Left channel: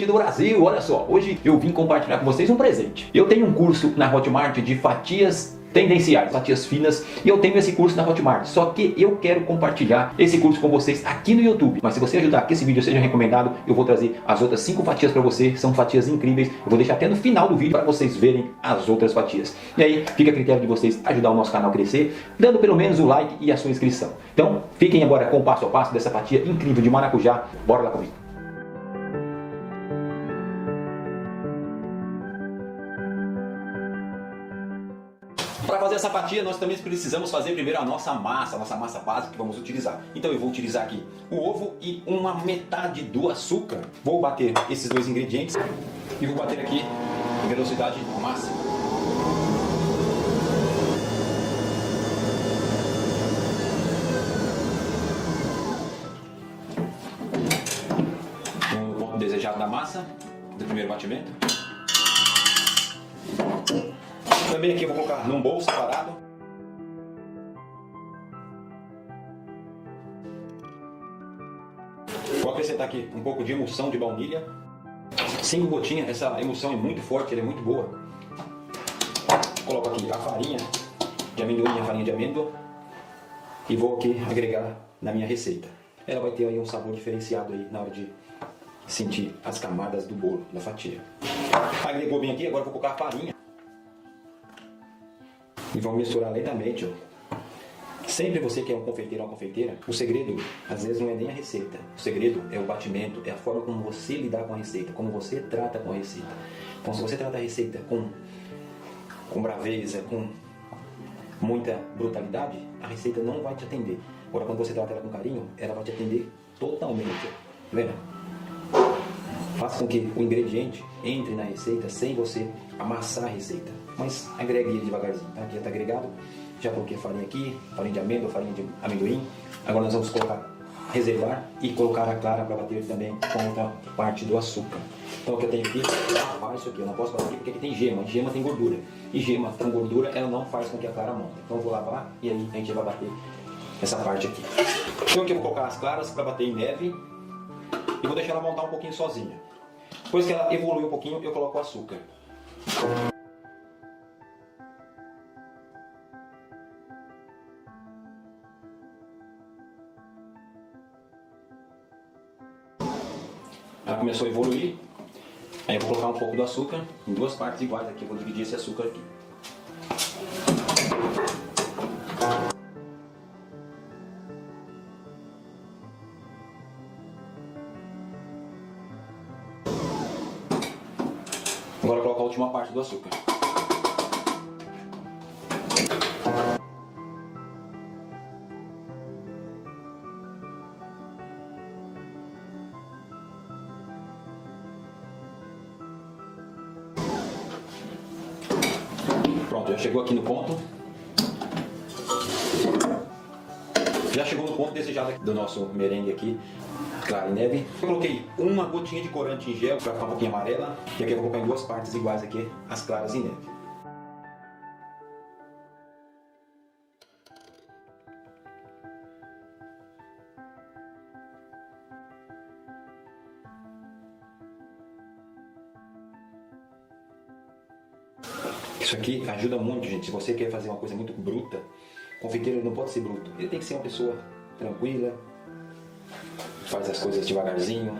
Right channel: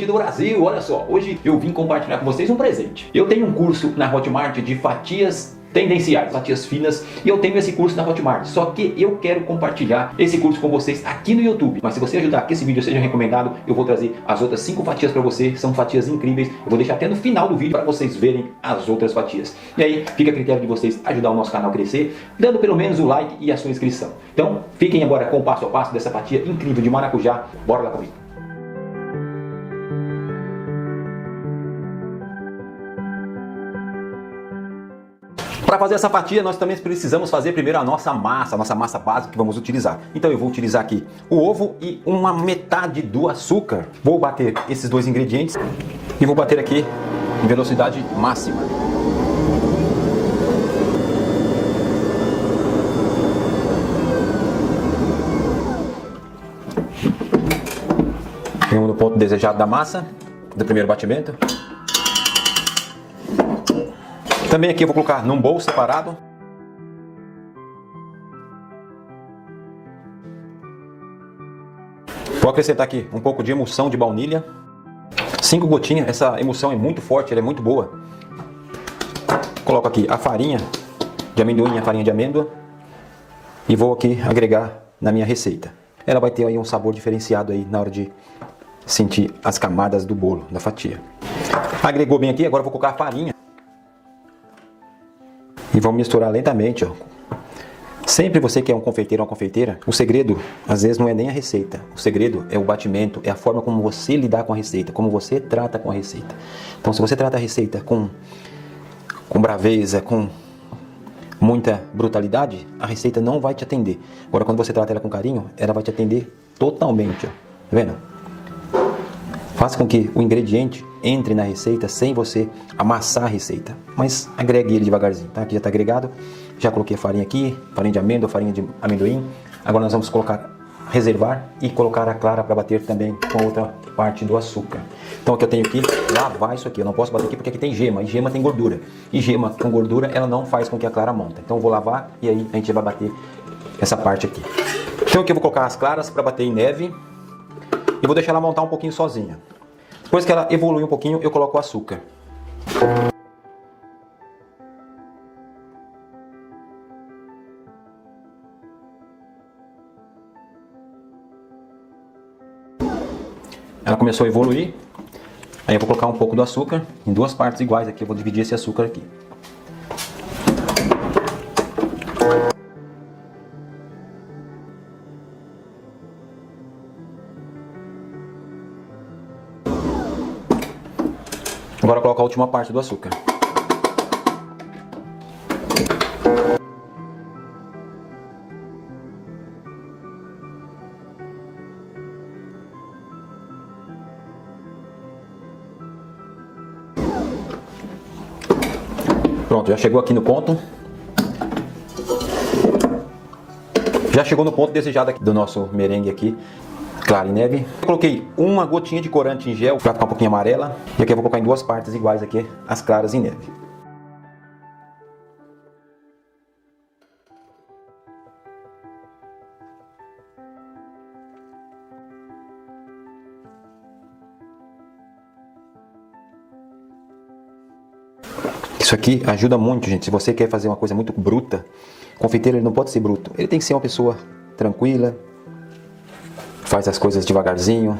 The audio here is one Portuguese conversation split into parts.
cliente do Brasil, olha só, hoje eu vim compartilhar com vocês um presente. Eu tenho um curso na Hotmart de fatias tendenciais, fatias finas, e eu tenho esse curso na Hotmart, só que eu quero compartilhar esse curso com vocês aqui no YouTube. Mas se você ajudar que esse vídeo seja recomendado, eu vou trazer as outras 5 fatias para você, são fatias incríveis, eu vou deixar até no final do vídeo para vocês verem as outras fatias. E aí fica a critério de vocês ajudar o nosso canal a crescer, dando pelo menos o like e a sua inscrição. Então, fiquem agora com o passo a passo dessa fatia incrível de maracujá, bora lá comigo. Para fazer essa fatia, nós também precisamos fazer primeiro a nossa massa básica que vamos utilizar. Então eu vou utilizar aqui o ovo e uma metade do açúcar. Vou bater esses dois ingredientes e vou bater aqui em velocidade máxima. Chegamos no ponto desejado da massa, do primeiro batimento. Também aqui eu vou colocar num bowl separado. Vou acrescentar aqui um pouco de emulsão de baunilha. 5 gotinhas, essa emulsão é muito forte, ela é muito boa. Coloco aqui a farinha de amendoim, a farinha de amêndoa. E vou aqui agregar na minha receita. Ela vai ter aí um sabor diferenciado aí na hora de sentir as camadas do bolo, da fatia. Agregou bem aqui, agora eu vou colocar a farinha. E vamos misturar lentamente, ó. Sempre você que é um confeiteiro ou uma confeiteira, o segredo, às vezes, não é nem a receita. O segredo é o batimento, é a forma como você lidar com a receita, como você trata com a receita. Então, se você trata a receita com braveza, com muita brutalidade, a receita não vai te atender. Agora, quando você trata ela com carinho, ela vai te atender totalmente, ó. Tá vendo? Faça com que o ingrediente entre na receita sem você amassar a receita. Mas agregue ele devagarzinho, tá? Aqui já está agregado. Já coloquei a farinha aqui, farinha de amêndoa, farinha de amendoim. Agora nós vamos colocar, reservar e colocar a clara para bater também com a outra parte do açúcar. Então aqui eu tenho que lavar isso aqui. Eu não posso bater aqui porque aqui tem gema, e gema tem gordura. E gema com gordura, ela não faz com que a clara monta. Então eu vou lavar e aí a gente vai bater essa parte aqui. Então aqui eu vou colocar as claras para bater em neve. E vou deixar ela montar um pouquinho sozinha. Depois que ela evolui um pouquinho, eu coloco o açúcar. Ela começou a evoluir. Aí eu vou colocar um pouco do açúcar em 2 partes iguais aqui. Eu vou dividir esse açúcar aqui. Agora eu coloco a última parte do açúcar. Pronto, já chegou aqui no ponto. Já chegou no ponto desejado aqui do nosso merengue aqui. Clara em neve. Eu coloquei uma gotinha de corante em gel para ficar um pouquinho amarela. E aqui eu vou colocar em 2 partes iguais aqui as claras em neve. Isso aqui ajuda muito, gente. Se você quer fazer uma coisa muito bruta, confeiteiro ele não pode ser bruto. Ele tem que ser uma pessoa tranquila, faz as coisas devagarzinho,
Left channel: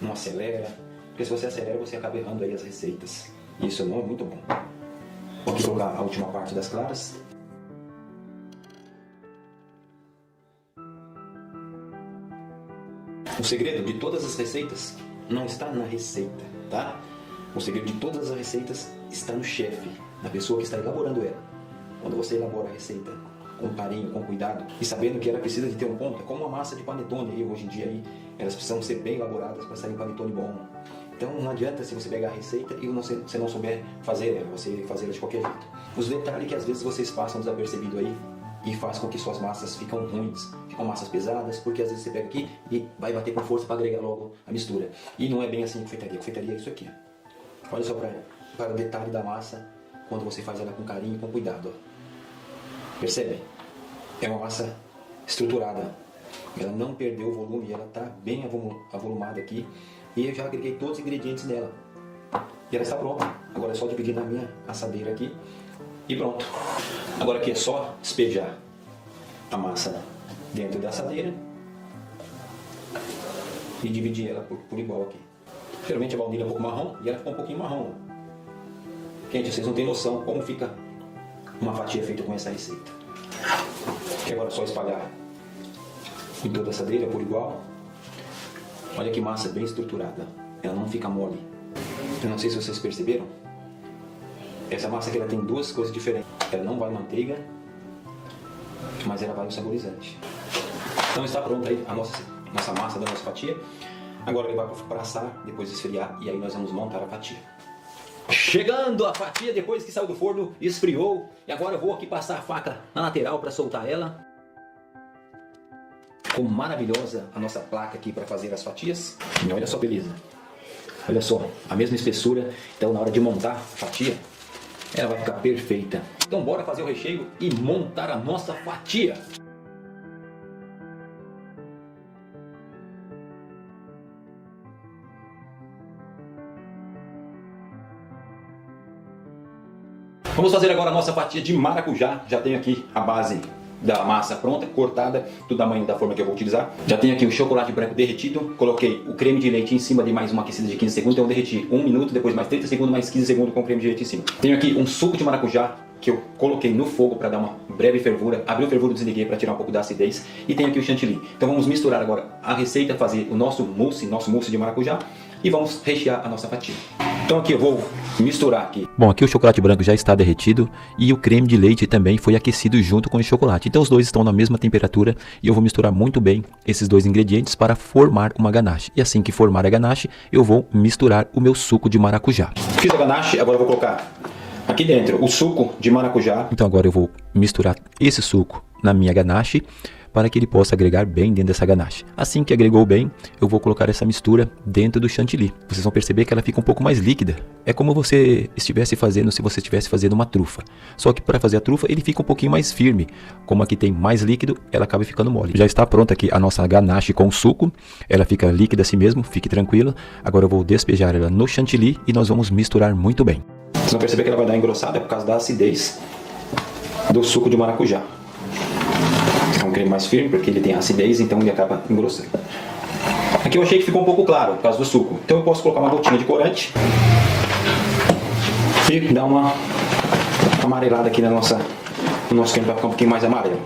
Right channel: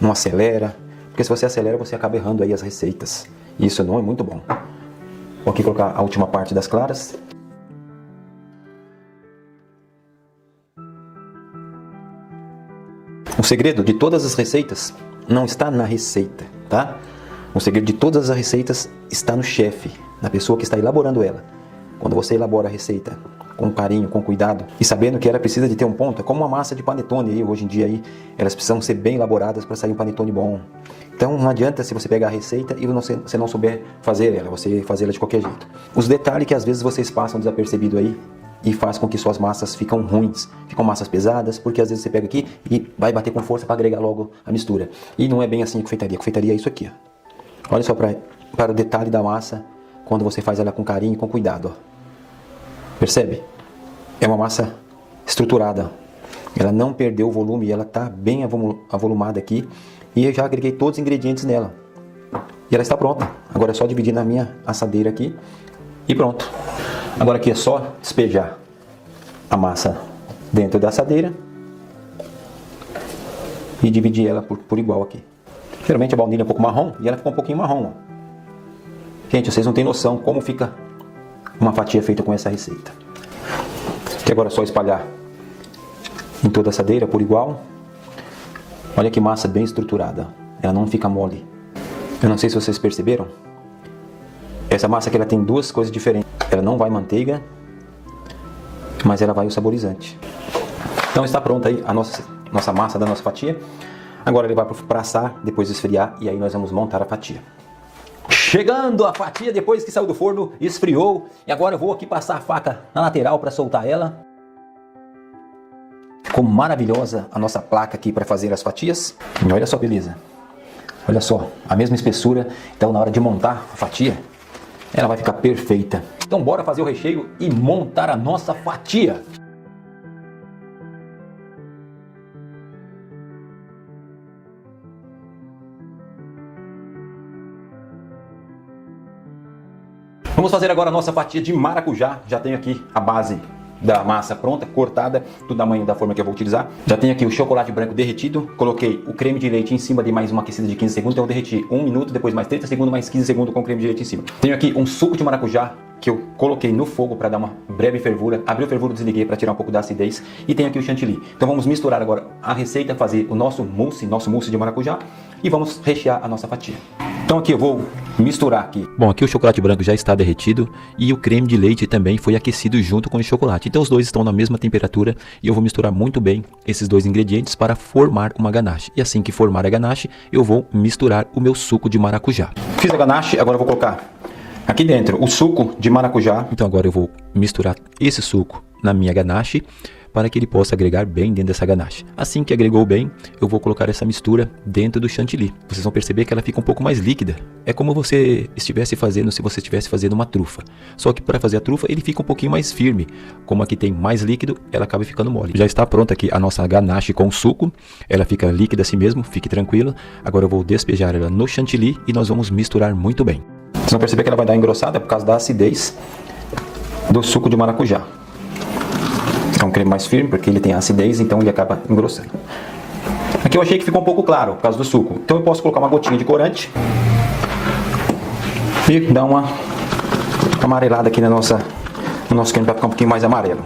não acelera, porque se você acelera você acaba errando aí as receitas. E isso não é muito bom. Vou aqui colocar a última parte das claras. O segredo de todas as receitas não está na receita, tá? O segredo de todas as receitas está no chefe, na pessoa que está elaborando ela. Quando você elabora a receita com carinho, com cuidado e sabendo que ela precisa de ter um ponto, é como uma massa de panetone aí, hoje em dia aí, elas precisam ser bem elaboradas para sair um panetone bom. Então não adianta se você pegar a receita e você não souber fazer ela, você fazer ela de qualquer jeito. Os detalhes que às vezes vocês passam desapercebido aí e faz com que suas massas ficam ruins, ficam massas pesadas, porque às vezes você pega aqui e vai bater com força para agregar logo a mistura. E não é bem assim a confeitaria. A confeitaria é isso aqui, ó. Olha só para o detalhe da massa quando você faz ela com carinho e com cuidado, ó. Percebe? É uma massa estruturada. Ela não perdeu o volume, ela está bem avolumada aqui. E eu já agreguei todos os ingredientes nela. E ela está pronta. Agora é só dividir na minha assadeira aqui e pronto. Agora aqui é só despejar a massa dentro da assadeira e dividir ela por igual aqui. Geralmente a baunilha é um pouco marrom e ela ficou um pouquinho marrom. Gente, vocês não têm noção como fica uma fatia feita com essa receita. Que agora é só espalhar em toda a assadeira por igual. Olha que massa bem estruturada. Ela não fica mole. Eu não sei se vocês perceberam. Essa massa aqui ela tem duas coisas diferentes. Ela não vai manteiga, mas ela vai o saborizante. Então está pronta aí a nossa massa da nossa fatia. Agora ele vai para assar, depois esfriar e aí nós vamos montar a fatia. Chegando a fatia depois que saiu do forno, esfriou. E agora eu vou aqui passar a faca na lateral para soltar ela. Ficou maravilhosa a nossa placa aqui para fazer as fatias. E olha só, beleza. Olha só, a mesma espessura. Então na hora de montar a fatia, ela vai ficar perfeita. Então bora fazer o recheio e montar a nossa fatia. Vamos fazer agora a nossa fatia de maracujá. Já tenho aqui a base da massa pronta, cortada, do tamanho da forma que eu vou utilizar. Já tenho aqui o chocolate branco derretido. Coloquei o creme de leite em cima de mais uma aquecida de 15 segundos. Então eu derreti 1 minuto, depois mais 30 segundos, mais 15 segundos com o creme de leite em cima. Tenho aqui um suco de maracujá que eu coloquei no fogo para dar uma breve fervura. Abri o fervuro, desliguei para tirar um pouco da acidez. E tenho aqui o chantilly. Então vamos misturar agora a receita, fazer o nosso mousse de maracujá. E vamos rechear a nossa fatia. Então aqui eu vou misturar aqui. Bom, aqui o chocolate branco já está derretido e o creme de leite também foi aquecido junto com o chocolate. Então os dois estão na mesma temperatura e eu vou misturar muito bem esses dois ingredientes para formar uma ganache. E assim que formar a ganache, eu vou misturar o meu suco de maracujá. Fiz a ganache, agora eu vou colocar aqui dentro o suco de maracujá. Então agora eu vou misturar esse suco na minha ganache para que ele possa agregar bem dentro dessa ganache. Assim que agregou bem, eu vou colocar essa mistura dentro do chantilly. Vocês vão perceber que ela fica um pouco mais líquida. É como você estivesse fazendo se você estivesse fazendo uma trufa. Só que para fazer a trufa ele fica um pouquinho mais firme. Como aqui tem mais líquido, ela acaba ficando mole. Já está pronta aqui a nossa ganache com suco. Ela fica líquida assim mesmo, fique tranquilo. Agora eu vou despejar ela no chantilly e nós vamos misturar muito bem. Vocês vão perceber que ela vai dar engrossada por causa da acidez do suco de maracujá. É um creme mais firme porque ele tem acidez, então ele acaba engrossando. Aqui eu achei que ficou um pouco claro por causa do suco. Então eu posso colocar uma gotinha de corante e dar uma amarelada aqui no nosso creme para ficar um pouquinho mais amarelo.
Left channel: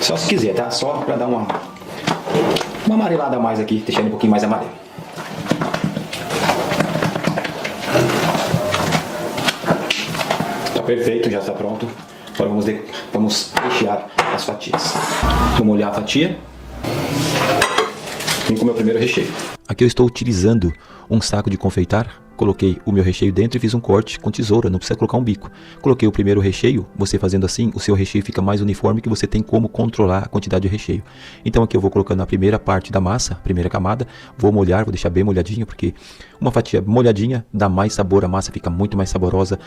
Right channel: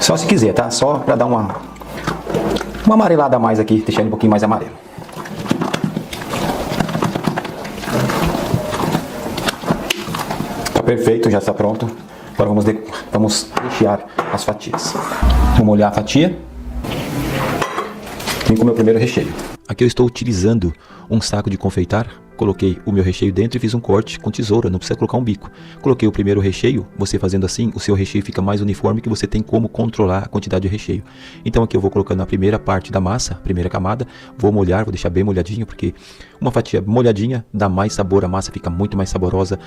Só se quiser, tá? Só para dar uma amarelada a mais aqui, deixando ele um pouquinho mais amarelo. Tá perfeito, já está pronto. Agora vamos rechear as fatias. Vou molhar a fatia e com o meu primeiro recheio. Aqui eu estou utilizando um saco de confeitar. Coloquei o meu recheio dentro e fiz um corte com tesoura, não precisa colocar um bico. Coloquei o primeiro recheio, você fazendo assim, o seu recheio fica mais uniforme, que você tem como controlar a quantidade de recheio. Então aqui eu vou colocando a primeira parte da massa, primeira camada, vou molhar, vou deixar bem molhadinho, porque uma fatia molhadinha dá mais sabor, a massa fica muito mais saborosa,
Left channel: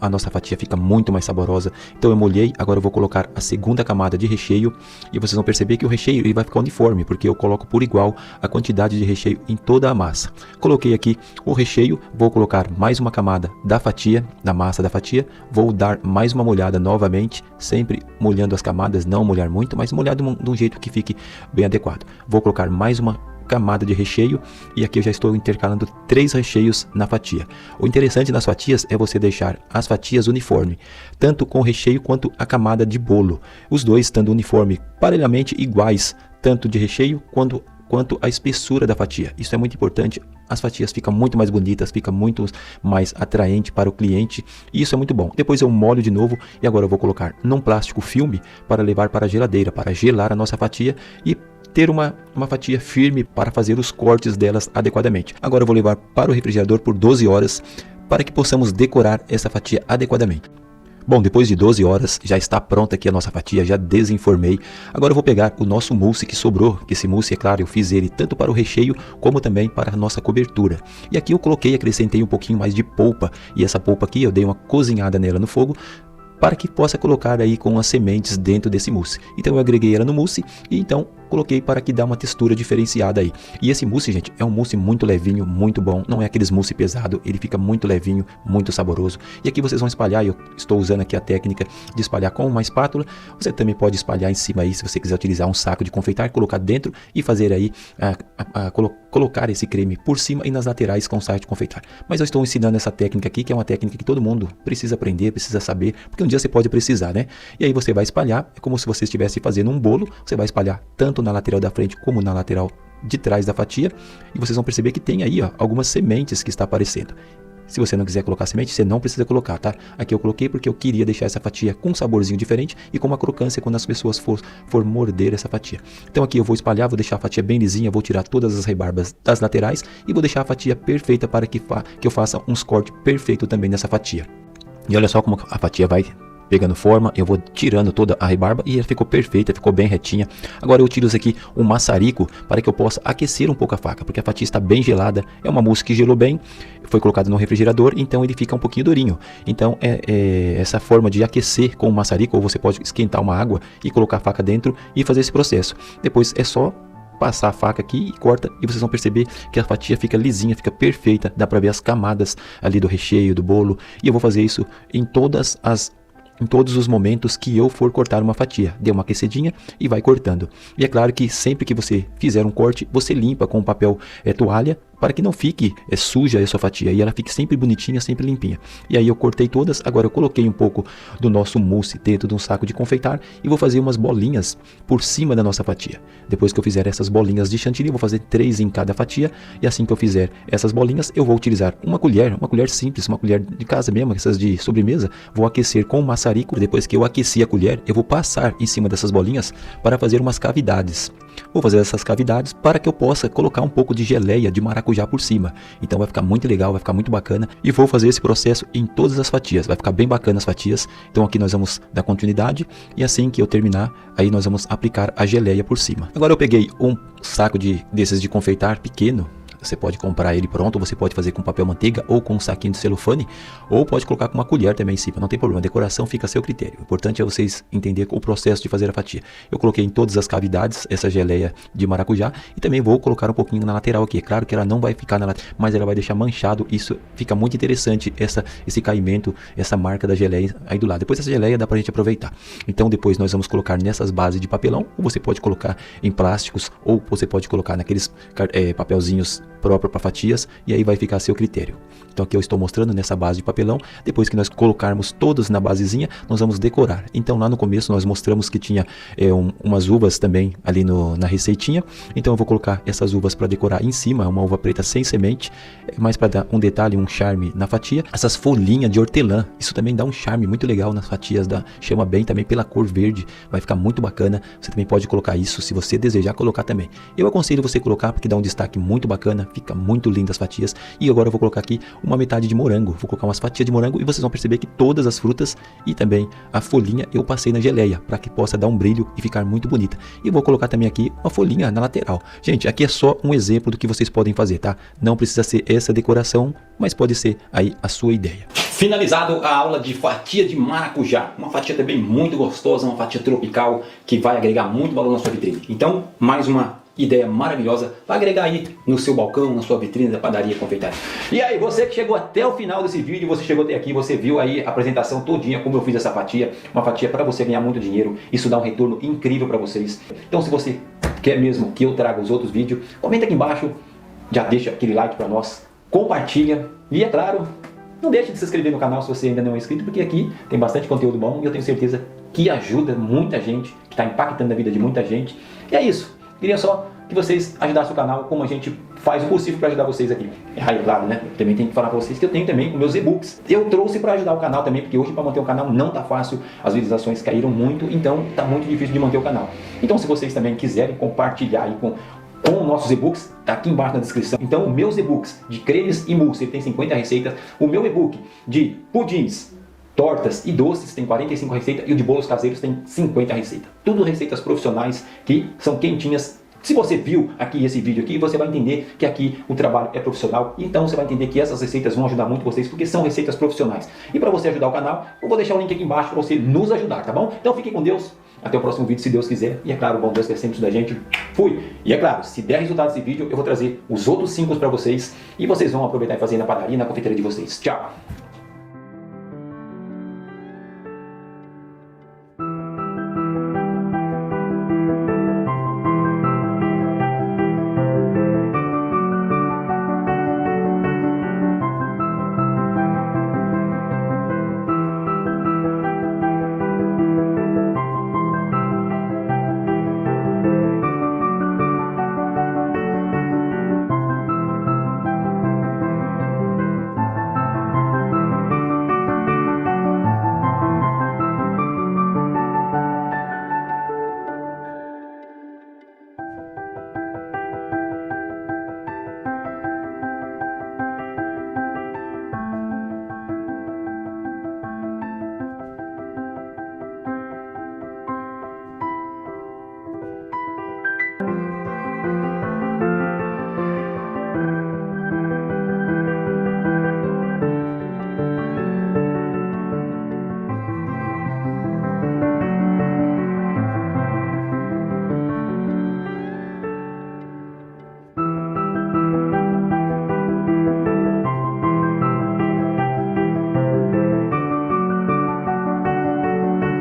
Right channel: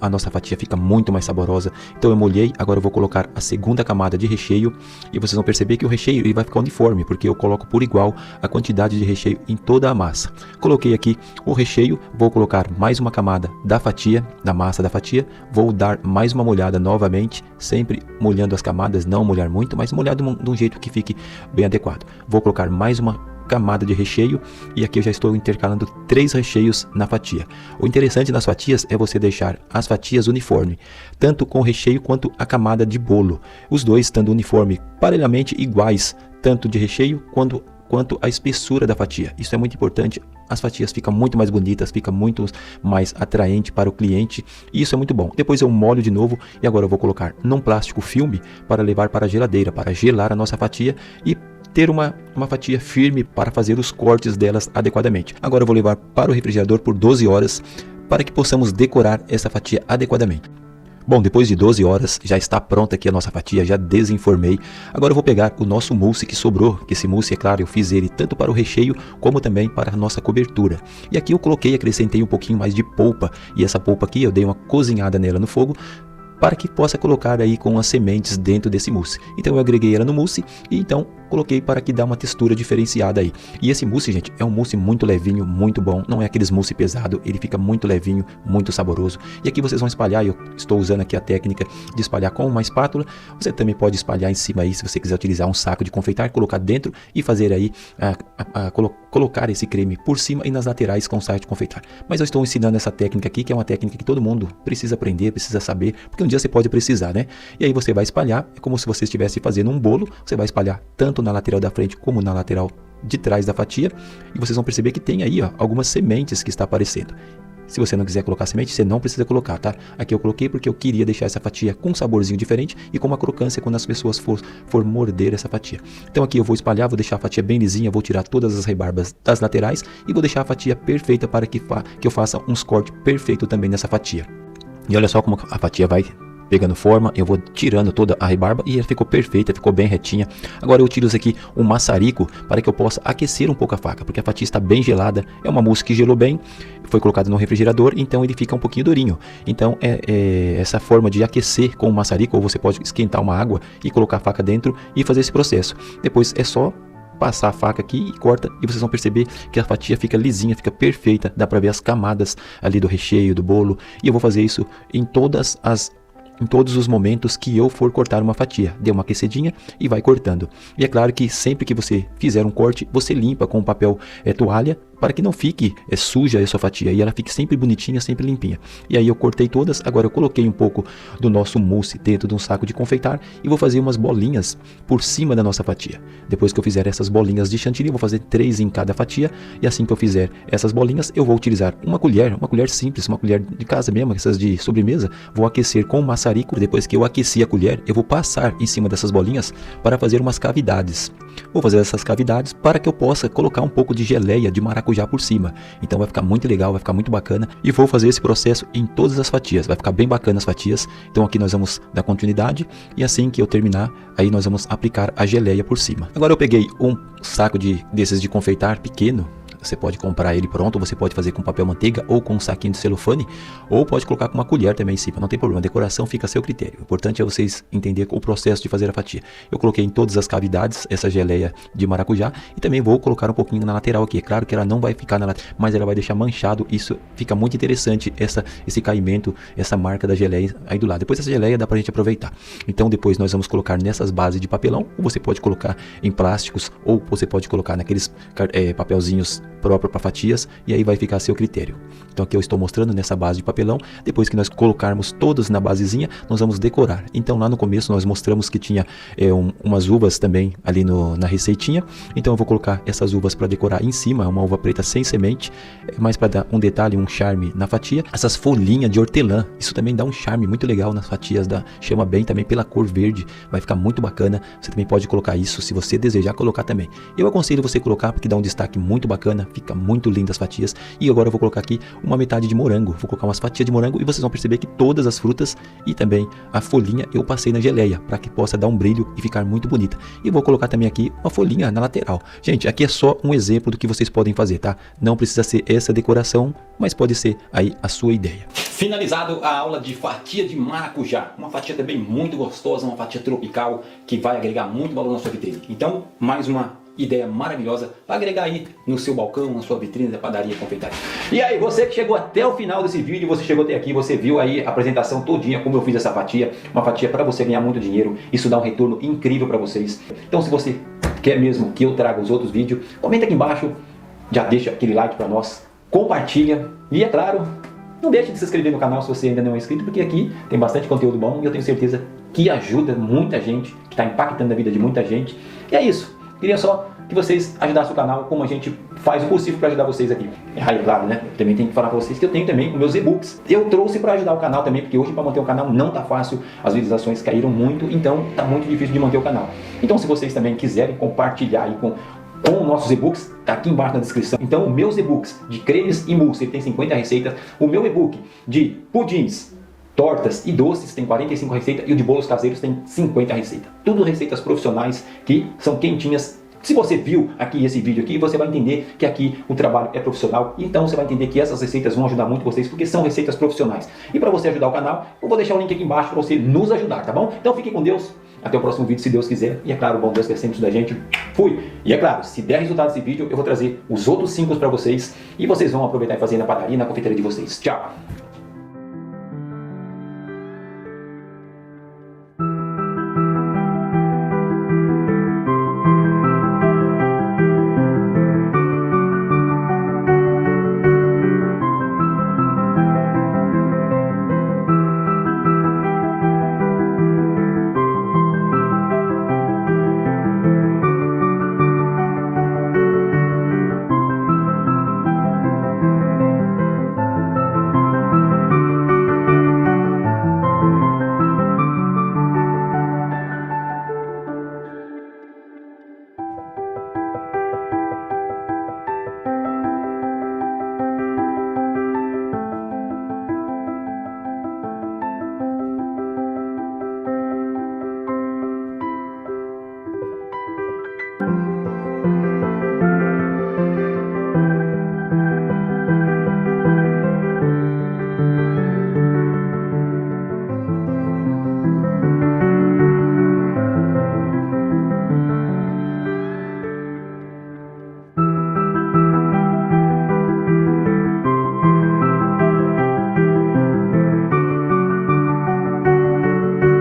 a nossa fatia fica muito mais saborosa. Então eu molhei, agora eu vou colocar a segunda camada de recheio, e vocês vão perceber que o recheio ele vai ficar uniforme, porque eu coloco por igual a quantidade de recheio em toda a massa. Coloquei aqui o recheio, vou colocar mais uma camada da fatia, da massa da fatia, vou dar mais uma molhada novamente, sempre molhando as camadas, não molhar muito, mas molhar de um jeito que fique bem adequado. Vou colocar mais uma camada de recheio e aqui eu já estou intercalando 3 recheios na fatia. O interessante das fatias é você deixar as fatias uniforme, tanto com o recheio quanto a camada de bolo. Os dois estando uniforme, parelhamente iguais, tanto de recheio quanto a espessura da fatia. Isso é muito importante. As fatias ficam muito mais bonitas, fica muito mais atraente para o cliente e isso é muito bom. Depois eu molho de novo e agora eu vou colocar num plástico filme para levar para a geladeira, para gelar a nossa fatia e ter uma fatia firme para fazer os cortes delas adequadamente. Agora eu vou levar para o refrigerador por 12 horas para que possamos decorar essa fatia adequadamente. Bom, depois de 12 horas já está pronta aqui a nossa fatia, já desenformei. Agora eu vou pegar o nosso mousse que sobrou, que esse mousse, é claro, eu fiz ele tanto para o recheio como também para a nossa cobertura. E aqui eu acrescentei um pouquinho mais de polpa, e essa polpa aqui eu dei uma cozinhada nela no fogo, para que possa colocar aí com as sementes dentro desse mousse. Então eu agreguei ela no mousse e então coloquei para que dê uma textura diferenciada aí. E esse mousse, gente, é um mousse muito levinho, muito bom, não é aqueles mousse pesado, ele fica muito levinho, muito saboroso. E aqui vocês vão espalhar, eu estou usando aqui a técnica de espalhar com uma espátula. Você também pode espalhar em cima aí, se você quiser utilizar um saco de confeitar, colocar dentro e fazer aí, colocar esse creme por cima e nas laterais com o saco de confeitar. Mas eu estou ensinando essa técnica aqui, que é uma técnica que todo mundo precisa aprender, precisa saber, porque um dia você pode precisar, né? E aí você vai espalhar, é como se você estivesse fazendo um bolo, você vai espalhar tanto na lateral da frente como na lateral de trás da fatia, e vocês vão perceber que tem aí, ó, algumas sementes que está aparecendo. Se você não quiser colocar semente, você não precisa colocar, tá? Aqui eu coloquei porque eu queria deixar essa fatia com um saborzinho diferente e com uma crocância quando as pessoas for morder essa fatia. Então aqui eu vou espalhar, vou deixar a fatia bem lisinha, vou tirar todas as rebarbas das laterais e vou deixar a fatia perfeita para que eu faça uns cortes perfeitos também nessa fatia. E olha só como a fatia vai pegando forma, eu vou tirando toda a rebarba e ela ficou perfeita, ficou bem retinha. Agora eu utilizo aqui um maçarico para que eu possa aquecer um pouco a faca, porque a fatia está bem gelada, é uma mousse que gelou bem, foi colocado no refrigerador, então ele fica um pouquinho durinho. Então essa forma de aquecer com o maçarico, ou você pode esquentar uma água e colocar a faca dentro e fazer esse processo. Depois é só passar a faca aqui e corta, e vocês vão perceber que a fatia fica lisinha, fica perfeita, dá para ver as camadas ali do recheio, do bolo. E eu vou fazer isso em todos os momentos que eu for cortar uma fatia. Dê uma aquecidinha e vai cortando. E é claro que sempre que você fizer um corte, você limpa com papel toalha, para que não fique suja a sua fatia e ela fique sempre bonitinha, sempre limpinha. E aí eu cortei todas, agora eu coloquei um pouco do nosso mousse dentro de um saco de confeitar e vou fazer umas bolinhas por cima da nossa fatia. Depois que eu fizer essas bolinhas de chantilly, eu vou fazer 3 em cada fatia, e assim que eu fizer essas bolinhas, eu vou utilizar uma colher simples, uma colher de casa mesmo, essas de sobremesa, vou aquecer com o maçarico. Depois que eu aqueci a colher, eu vou passar em cima dessas bolinhas para fazer umas cavidades. Vou fazer essas cavidades para que eu possa colocar um pouco de geleia de maracujá por cima. Então vai ficar muito legal, vai ficar muito bacana. E vou fazer esse processo em todas as fatias. Vai ficar bem bacana as fatias. Então aqui nós vamos dar continuidade. E assim que eu terminar, aí nós vamos aplicar a geleia por cima. Agora eu peguei um saco desses de confeitar pequeno. Você pode comprar ele pronto, você pode fazer com papel manteiga ou com um saquinho de celofane, ou pode colocar com uma colher também em cima, não tem problema, a decoração fica a seu critério. O importante é vocês entenderem o processo de fazer a fatia. Eu coloquei em todas as cavidades essa geleia de maracujá e também vou colocar um pouquinho na lateral aqui. É claro que ela não vai ficar na lateral, mas ela vai deixar manchado, isso fica muito interessante, esse caimento, essa marca da geleia aí do lado. Depois essa geleia dá pra gente aproveitar. Então depois nós vamos colocar nessas bases de papelão, ou você pode colocar em plásticos, ou você pode colocar naqueles papelzinhos próprio para fatias, e aí vai ficar a seu critério. Então aqui eu estou mostrando nessa base de papelão. Depois que nós colocarmos todas na basezinha, nós vamos decorar. Então lá no começo nós mostramos que tinha umas uvas também ali na receitinha. Então eu vou colocar essas uvas para decorar em cima, uma uva preta sem semente, mas para dar um detalhe, um charme na fatia, essas folhinhas de hortelã, isso também dá um charme muito legal nas fatias, chama bem também pela cor verde, vai ficar muito bacana. Você também pode colocar isso se você desejar colocar também. Eu aconselho você colocar porque dá um destaque muito bacana, fica muito lindo as fatias. E agora eu vou colocar aqui uma metade de morango, vou colocar umas fatias de morango e vocês vão perceber que todas as frutas e também a folhinha eu passei na geleia, para que possa dar um brilho e ficar muito bonita. E vou colocar também aqui uma folhinha na lateral. Gente, aqui é só um exemplo do que vocês podem fazer, tá? Não precisa ser essa decoração, mas pode ser aí a sua ideia. Finalizado a aula de fatia de maracujá, uma fatia também muito gostosa, uma fatia tropical que vai agregar muito valor na sua vitrine. Então, mais uma ideia maravilhosa para agregar aí no seu balcão, na sua vitrine da padaria confeitaria. E aí, você que chegou até o final desse vídeo, você chegou até aqui, você viu aí a apresentação todinha, como eu fiz essa fatia, uma fatia para você ganhar muito dinheiro, isso dá um retorno incrível para vocês. Então se você quer mesmo que eu traga os outros vídeos, comenta aqui embaixo, já deixa aquele like para nós, compartilha e é claro, não deixe de se inscrever no canal se você ainda não é inscrito, porque aqui tem bastante conteúdo bom e eu tenho certeza que ajuda muita gente, que está impactando a vida de muita gente. E é isso. Queria só que vocês ajudassem o canal, como a gente faz o possível para ajudar vocês aqui. E aí, claro, né? Também tem que falar para vocês que eu tenho também meus e-books. Eu trouxe para ajudar o canal também, porque hoje para manter o canal não tá fácil. As visualizações caíram muito, então tá muito difícil de manter o canal. Então se vocês também quiserem compartilhar aí com nossos e-books, tá aqui embaixo na descrição. Então, meus e-books de cremes e mousse tem 50 receitas. O meu e-book de pudins, tortas e doces tem 45 receitas e o de bolos caseiros tem 50 receitas. Tudo receitas profissionais que são quentinhas. Se você viu aqui esse vídeo aqui, você vai entender que aqui o trabalho é profissional. Então você vai entender que essas receitas vão ajudar muito vocês, porque são receitas profissionais. E para você ajudar o canal, eu vou deixar o link aqui embaixo para você nos ajudar, tá bom? Então fique com Deus. Até o próximo vídeo, se Deus quiser. E é claro, bom Deus quer sempre isso da gente. Fui! E é claro, se der resultado desse vídeo, eu vou trazer os outros 5 para vocês. E vocês vão aproveitar e fazer na padaria, na confeiteira de vocês. Tchau!